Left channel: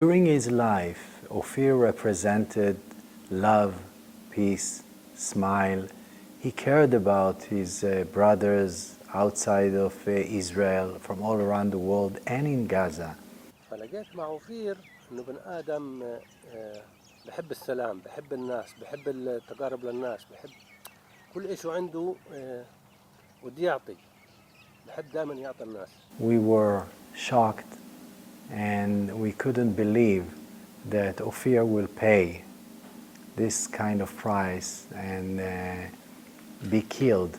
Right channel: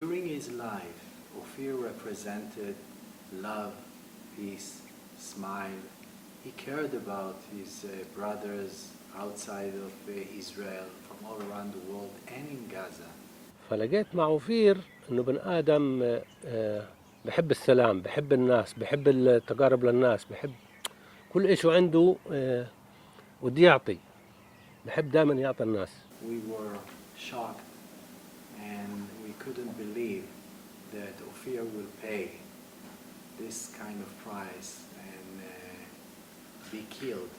During his life, Ophir represented love, peace, smile. He cared about his brothers outside of Israel, from all around the world and in Gaza. فلقيت مع أوفير إنه بن آدم بحب السلام، بحب الناس، بحب التقارب للناس، بحب كل إيش عنده ودي يعطي، بحب دائما يعطي الناس. We were shocked and we couldn't believe that Ophir will pay this kind of price and be killed.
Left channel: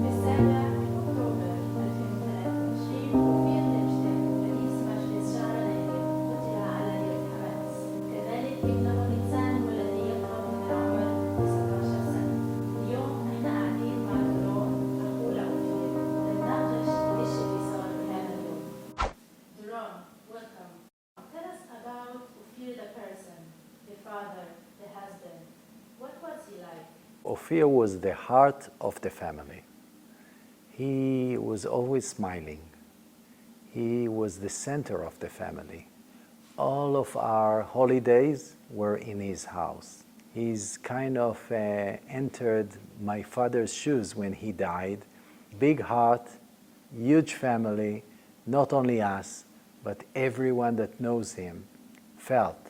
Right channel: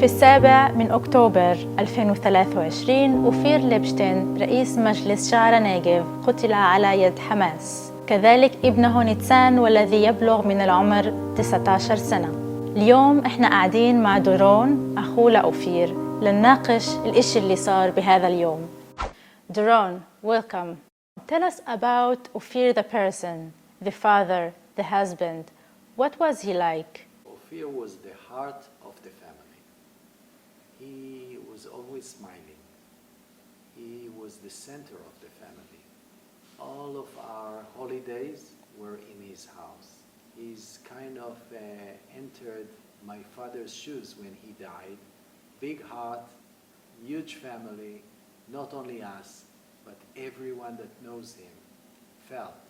في 7 أكتوبر 2023 أوفير ليبستين رئيس مجلس شعر نيجيف قتل على يد حماس. كذلك ابنه نيتسان والذي يبلغ من العمر 19 سنة. اليوم احنا قاعدين مع دورون أخوه لأوفير لنناقش الإشي اللي صار بهذا اليوم. Doron, welcome. Tell us about Ophir the person, the father, the husband. What was he like? Ophir was the heart of the family. He was always smiling. He was the center of the family. All of our holidays were in his house. He's kind of entered my father's shoes when he died. Big heart, huge family, not only us, but everyone that knows him felt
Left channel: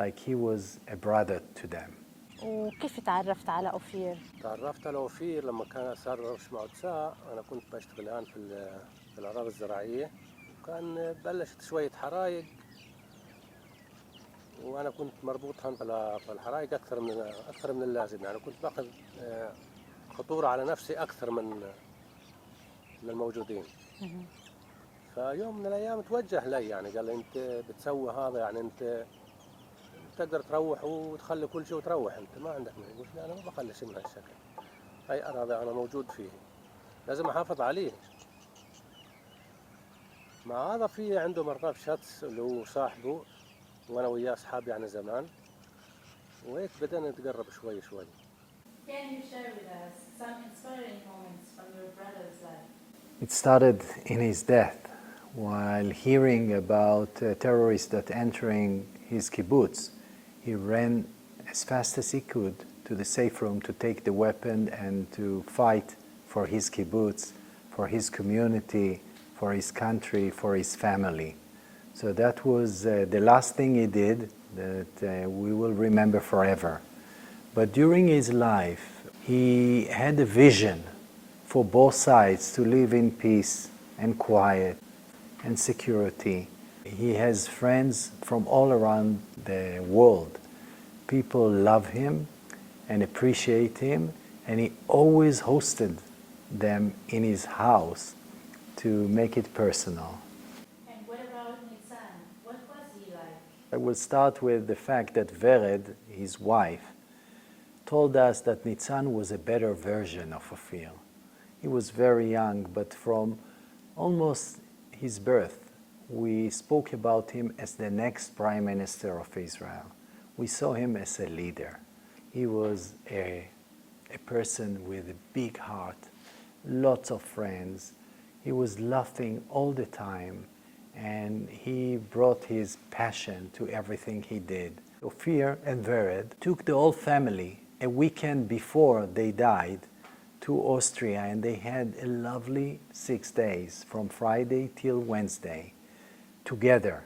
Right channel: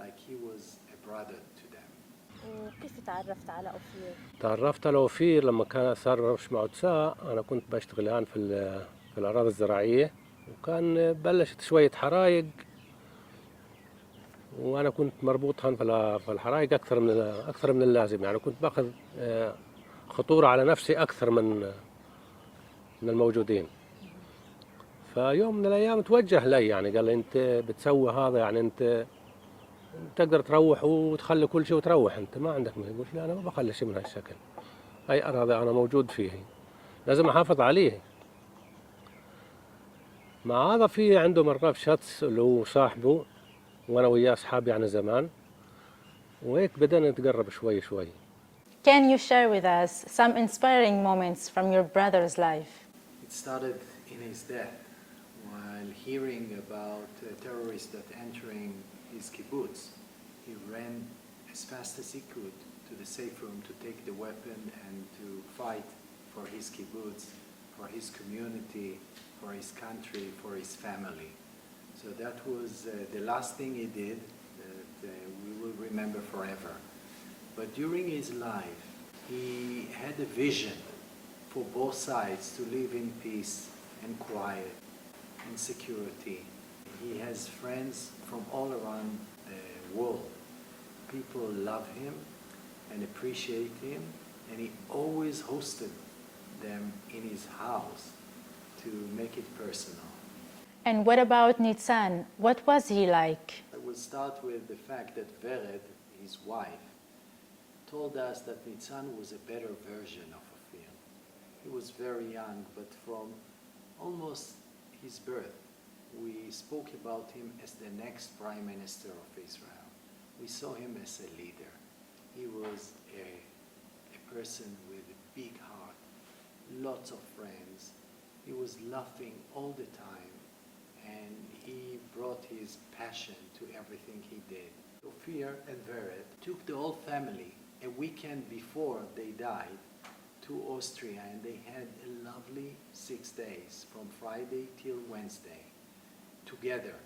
like he was a brother to them. وكيف تعرفت على أوفير؟ تعرفت على أوفير لما كان صار مجموعة ساعة. أنا كنت بشتغل الآن في الأراضي الزراعية، وكان بلشت شوية حرايق، وأنا كنت مربوط هون في الحرايق أكثر من اللازم. يعني كنت باخذ خطورة على نفسي أكثر من الموجودين. فيوم من الأيام توجه لي، يعني قال لي أنت بتسوي هذا، يعني أنت تقدر تروح وتخلي كل شيء وتروح، أنت ما عندك مشكلة. قلت له أنا ما بخلي شيء من هالشكل، هاي أراضي أنا موجود فيه، لازم أحافظ عليه. مع هذا في عنده مرغاب شتس اللي هو صاحبه، وأنا وياه أصحاب يعني زمان، وهيك بدأنا نتقرب شوي شوي. Can you share with us some inspiring moments from your brother's life? It started in his death, while hearing about terrorists that entering his kibbutz. He ran as fast as he could to the safe room to take the weapon and to fight for his kibbutz, for his community, for his country, for his family. So that was the last thing he did that we will remember forever. But during his life, he had a vision for both sides to live in peace and quiet and security. He has friends from all around the world. People love him and appreciate him, and he always hosted them in his house to make it personal. And what about Nitzan? What was he like? I will start with the fact that Vered, his wife, told us that Nitzan was a better version of Ophir. He was very young, but from almost his birth, we spoke about him as the next Prime Minister of Israel. We saw him as a leader. He was a person with a big heart, lots of friends. He was laughing all the time, and he brought his passion to everything he did. Ophir and Vered took the whole family a weekend before they died to Austria, and they had a lovely 6 days from Friday till Wednesday together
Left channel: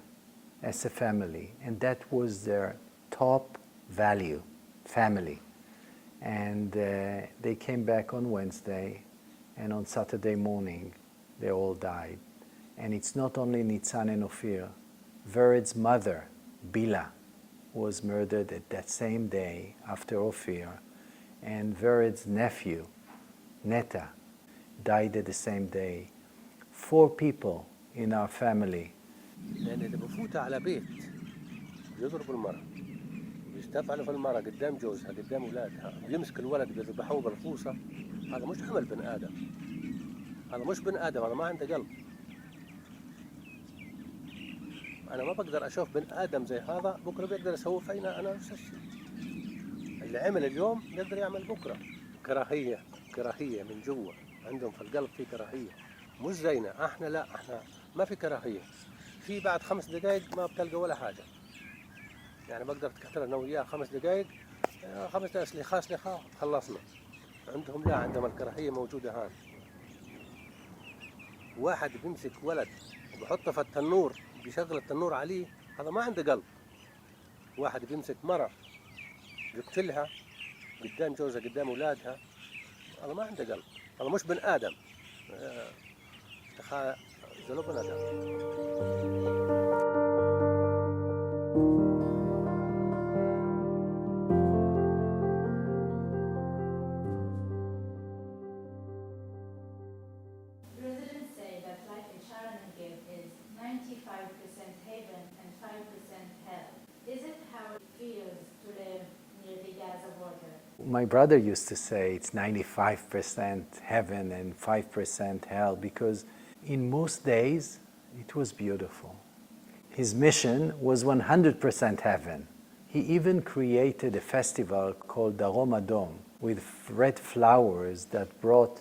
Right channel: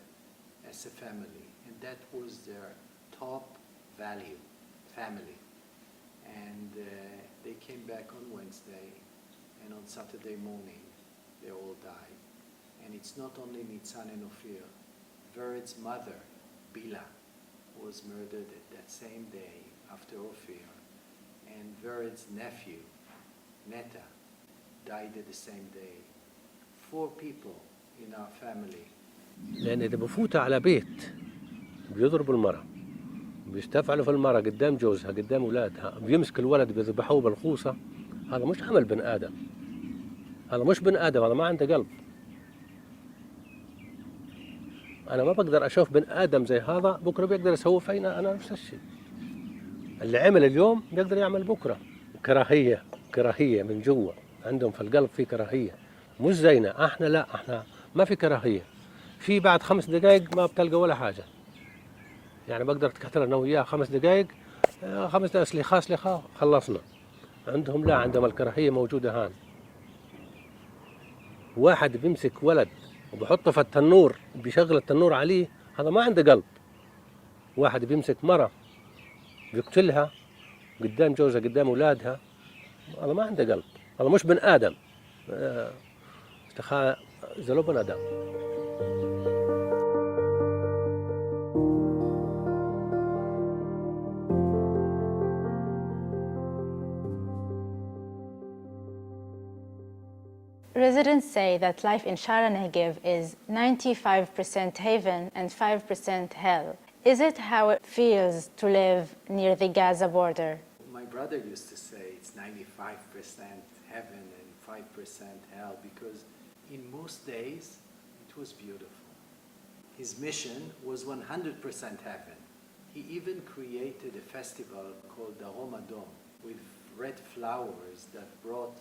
as a family, and that was their top value, family. And they came back on Wednesday, and on Saturday morning they all died. And it's not only Nitzan and Ophir. Vered's mother, Bila, was murdered at that same day after Ophir, and Vered's nephew, Neta, died at the same day. 4 people in our family. لأن إذا بفوتوا على بيت بيضربوا المرأة، بيستفعلوا في المرأة قدام جوزها قدام أولادها، بيمسك الولد بيذبحوه بالخوصة، هذا مش عمل بن آدم، هذا مش بن آدم، هذا ما عنده قلب. أنا ما بقدر أشوف بن آدم زي هذا بكرة بيقدر يسوي فينا أنا نفس الشيء. اللي عمل اليوم بيقدر يعمل بكرة. كراهية من جوا، عندهم في القلب في كراهية، مش زينا احنا، لا احنا ما في كراهية، في بعد 5 دقائق ما بتلقى ولا حاجة. يعني بقدر أتكتل أنا وياه 5 دقائق، 5 دقائق سليخة خلصنا. عندهم لا، عندهم الكراهية موجودة هان. واحد بيمسك ولد وبحطه في التنور بيشغل التنور عليه، هذا ما عنده قلب. واحد بيمسك مرة بيقتلها قدام جوزها قدام أولادها، هذا ما عنده قلب، هذا مش بن آدم. إذا لو بن آدم. Residents say that life in Shara Negev is 95% heaven and 5% hell. Is it how it feels to live near the Gaza border? My brother used to say it's 95% heaven and 5% hell, because in most days it was beautiful. His mission was 100% heaven. He even created a festival called the Ramadan with red flowers that brought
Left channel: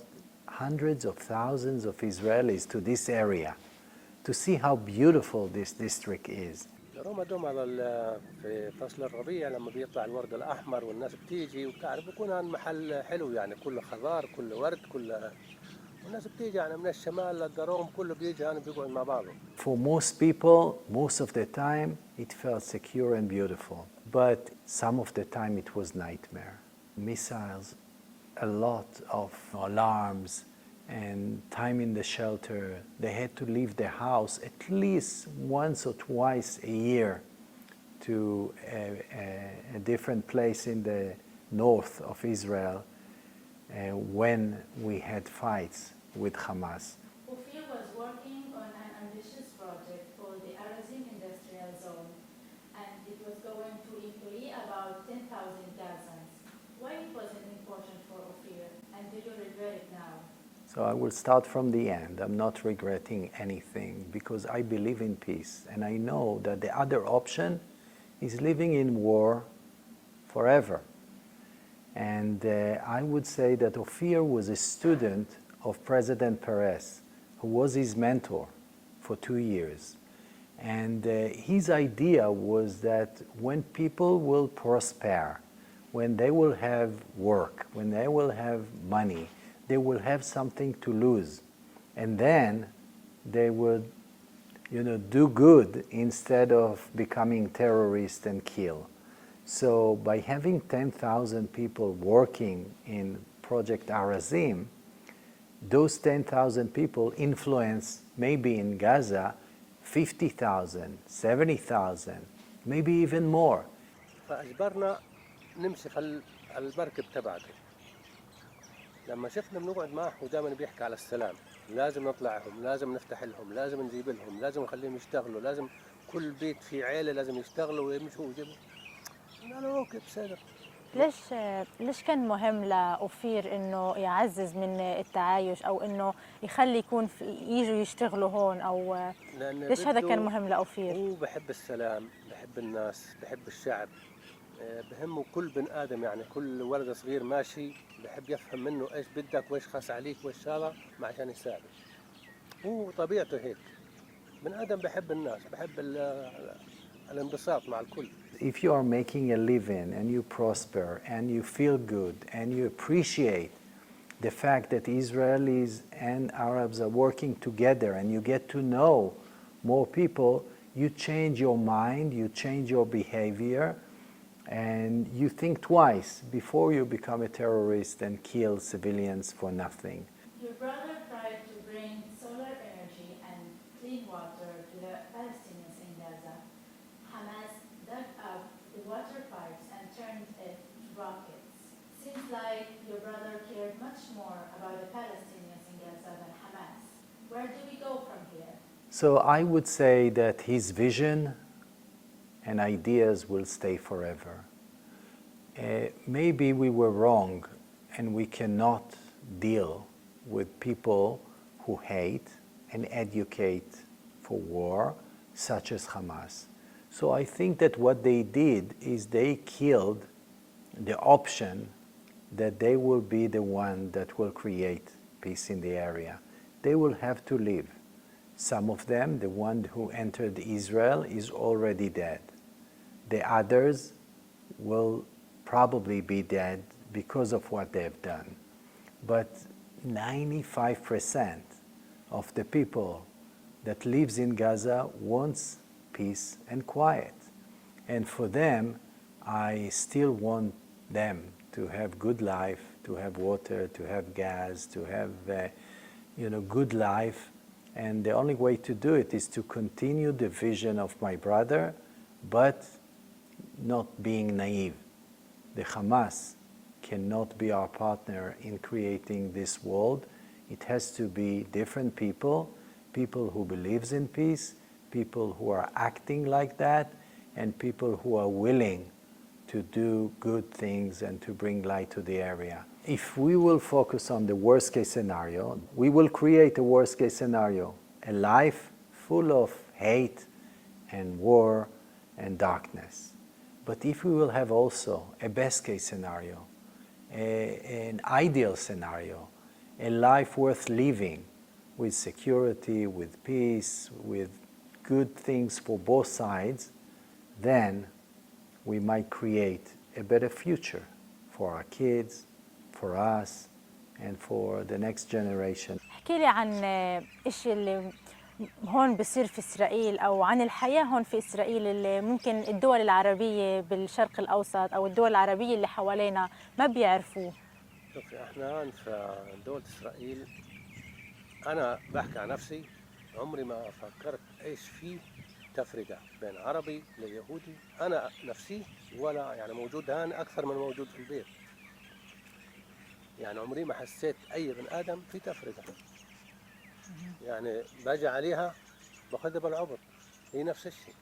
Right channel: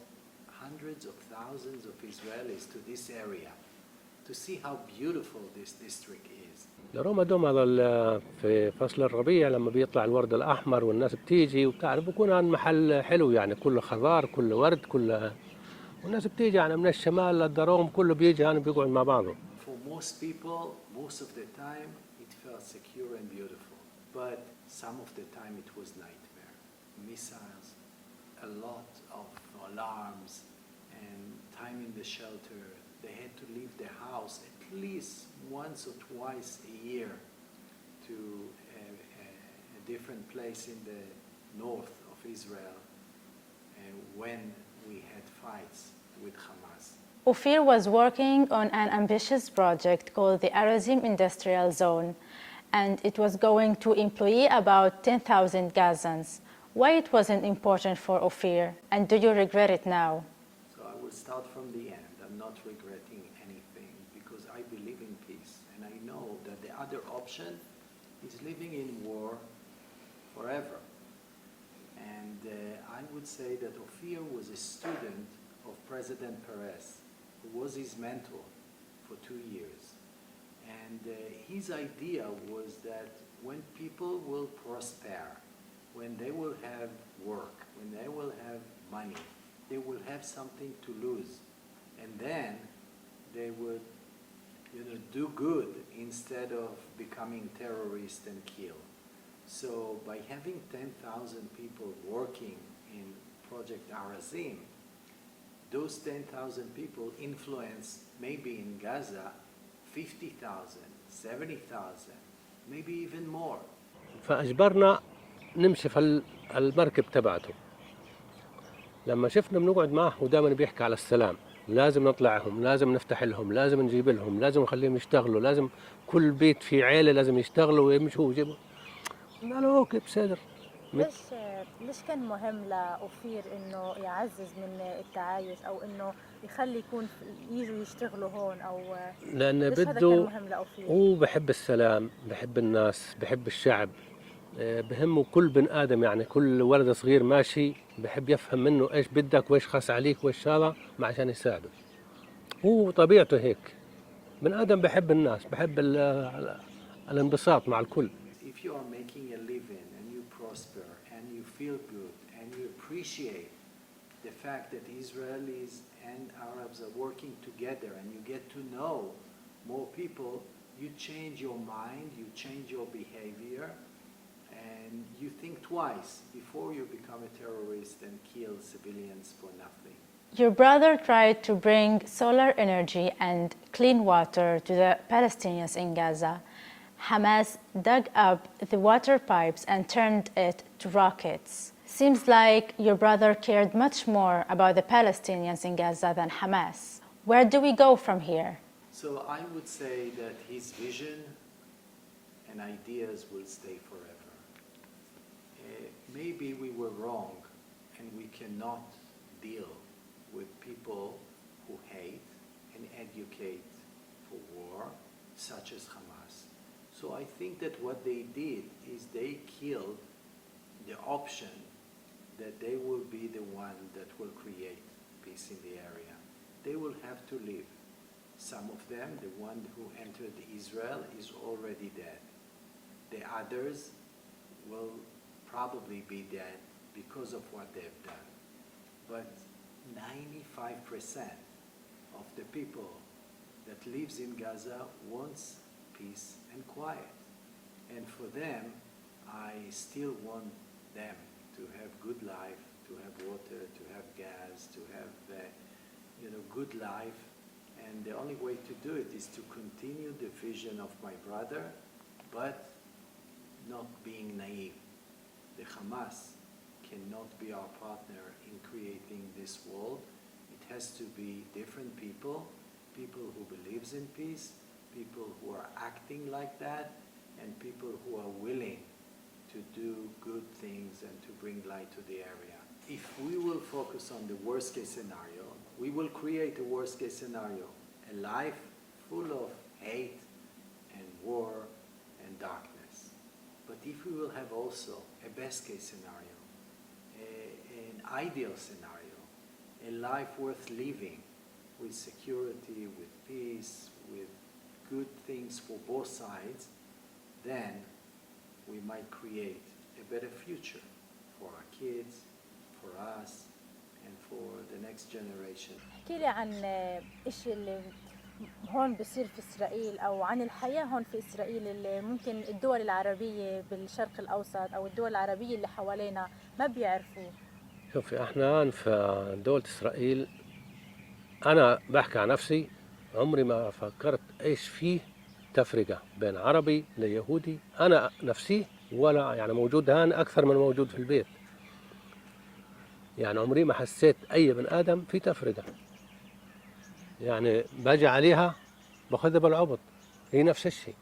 hundreds of thousands of Israelis to this area to see how beautiful this district is. رمضان هذا في فصل الربيع لما بيطلع الورد الأحمر والناس بتيجي وبتعرف بيكون هذا محل حلو، يعني كله خضار كله ورد كله، والناس بتيجي يعني من الشمال للدروم كله بيجي يعني بيقعد مع بعضه. For most people, most of the time, it felt secure and beautiful. But some of the time it was nightmare. Missiles, a lot of alarms, and time in the shelter. They had to leave their house at least once or twice a year to a different place in the north of Israel when we had fights with Hamas. Ophir was working on an ambitious project called the Arazim Industrial Zone, and it was going to employ about 10,000 Gazans. Why it wasn't important for Ophir, and do you regret it now? So I will start from the end. I'm not regretting anything because I believe in peace, and I know that the other option is living in war forever. And I would say that Ophir was a student of President Peres, who was his mentor for 2 years. And his idea was that when people will prosper, when they will have work, when they will have money, they will have something to lose. And then they would, do good instead of becoming terrorists and kill. So by having 10,000 people working in Project Arazim, those 10,000 people influence maybe in Gaza 50,000, 70,000, maybe even more. فأجبرنا نمشي في المركب تبعته. لما شفنا بنقعد معه ودائما بيحكي على السلام، لازم نطلعهم، لازم نفتح لهم، لازم نجيب لهم، لازم نخليهم يشتغلوا، لازم كل بيت فيه عيلة لازم يشتغلوا ويمشوا ويجيبوا. قال له اوكي بصدر. ليش كان مهم لأوفير انه يعزز من التعايش او انه يخلي يكون يجوا يشتغلوا هون، او ليش هذا كان مهم لأوفير؟ هو بحب السلام، بحب الناس، بحب الشعب، بهمه كل بن آدم، يعني كل ولد صغير ماشي بحب يفهم منه ايش بدك وايش خاص عليك وايش هذا عشان يساعده. هو طبيعته هيك، بن آدم بحب الناس، بحب الانبساط مع الكل. If you are making a living and you prosper and you feel good and you appreciate the fact that Israelis and Arabs are working together and you get to know more people, you change your mind, you change your behavior, and you think twice before you become a terrorist and kill civilians for nothing. Your brother tried to bring solar energy and clean water to the Palestinians in Gaza. Hamas dug up the water pipes and turned it to rockets. Seems like your brother cared much more about the Palestinians in Gaza than Hamas. Where do we go from here? So I would say that his vision and ideas will stay forever. Maybe we were wrong and we cannot deal with people who hate and educate for war, such as Hamas. So I think that what they did is they killed the option that they will be the one that will create peace in the area. They will have to leave. Some of them, the one who entered Israel, is already dead. The others will probably be dead because of what they've done. But 95% of the people that lives in Gaza wants peace and quiet. And for them, I still want them to have good life, to have water, to have gas, to have good life. And the only way to do it is to continue the vision of my brother, but not being naive. The Hamas cannot be our partner in creating this world. It has to be different people, people who believes in peace, people who are acting like that, and people who are willing to do good things and to bring light to the area. If we will focus on the worst case scenario, we will create a worst case scenario, a life full of hate and war and darkness. But if we will have also a best case scenario, an ideal scenario, a life worth living with security, with peace, with good things for both sides, then we might create a better future for our kids, for us, and for the next generation. احكي لي عن إيش اللي هون بصير في إسرائيل أو عن الحياة هون في إسرائيل اللي ممكن الدول العربية بالشرق الأوسط أو الدول العربية اللي حوالينا ما بيعرفوه. شوفي احنا في دولة إسرائيل، أنا بحكي عن نفسي، عمري ما فكرت إيش فيه تفرقة بين عربي ليهودي. أنا نفسي ولا يعني موجود هان أكثر من موجود في البيت. يعني عمري ما حسيت أي بن آدم في تفرقة. يعني باجي عليها باخذها بالعبط، هي نفس الشيء.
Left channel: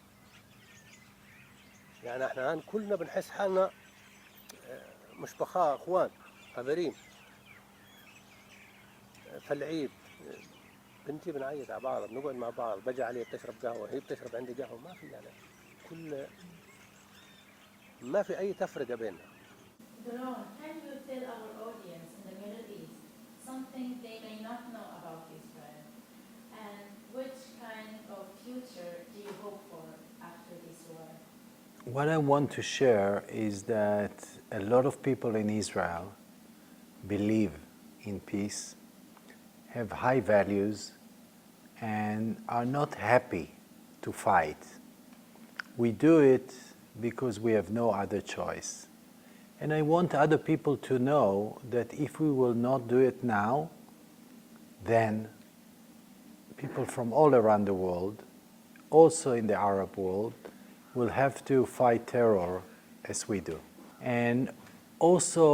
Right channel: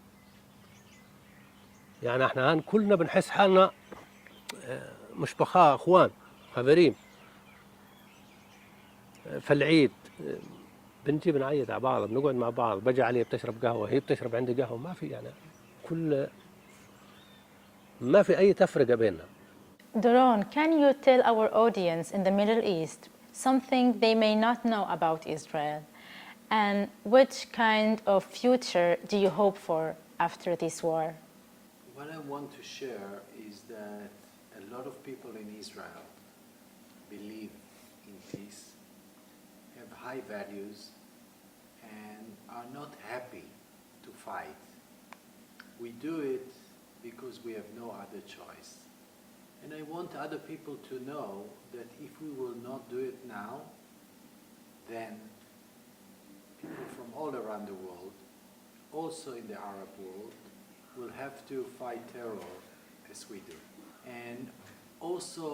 يعني احنا هان كلنا بنحس حالنا مش بخاء، اخوان، خبرين. في العيد بنتي بنعيد على بعض، بنقعد مع بعض، باجي عليه بتشرب قهوه، هي بتشرب عندي قهوه، ما في يعني ما في اي تفرقه بيننا. Doron, can you tell our audience in the Middle East something they may not know about Israel? And which kind of future do you hope for after this war? What I want to share is that a lot of people in Israel believe in peace, have high values, and are not happy to fight. We do it because we have no other choice. And I want other people to know that if we will not do it now, then people from all around the world, also in the Arab world, will have to fight terror as we do. And also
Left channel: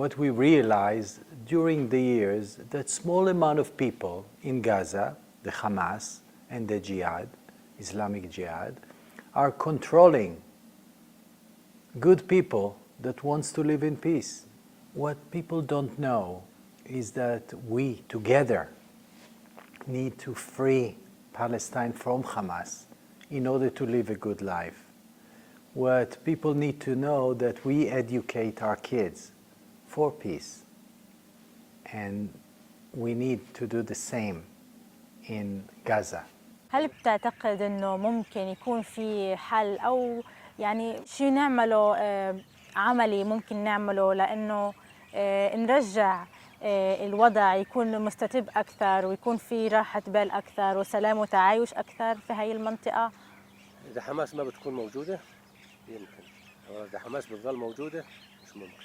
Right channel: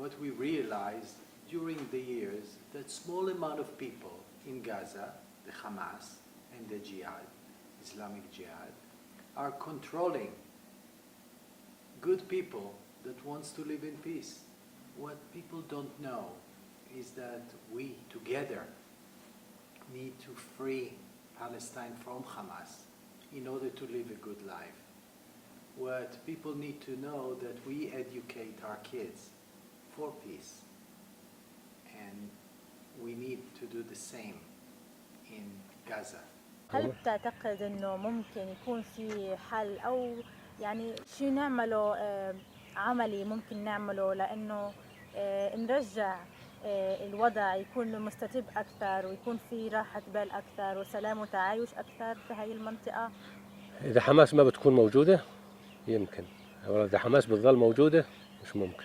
what we realized during the years, that small amount of people in Gaza, the Hamas and the Jihad, Islamic Jihad, are controlling good people that wants to live in peace. What people don't know is that we together need to free Palestine from Hamas in order to live a good life. What people need to know that we educate our kids for peace. And we need to do the same in Gaza. هل بتعتقد إنه ممكن يكون في حل أو يعني شيء نعمله عملي ممكن نعمله لأنه نرجع الوضع يكون مستتب أكثر ويكون في راحة بال أكثر وسلام وتعايش أكثر في هاي المنطقة؟ إذا حماس ما بتكون موجودة يمكن، إذا حماس بتظل موجودة مش ممكن.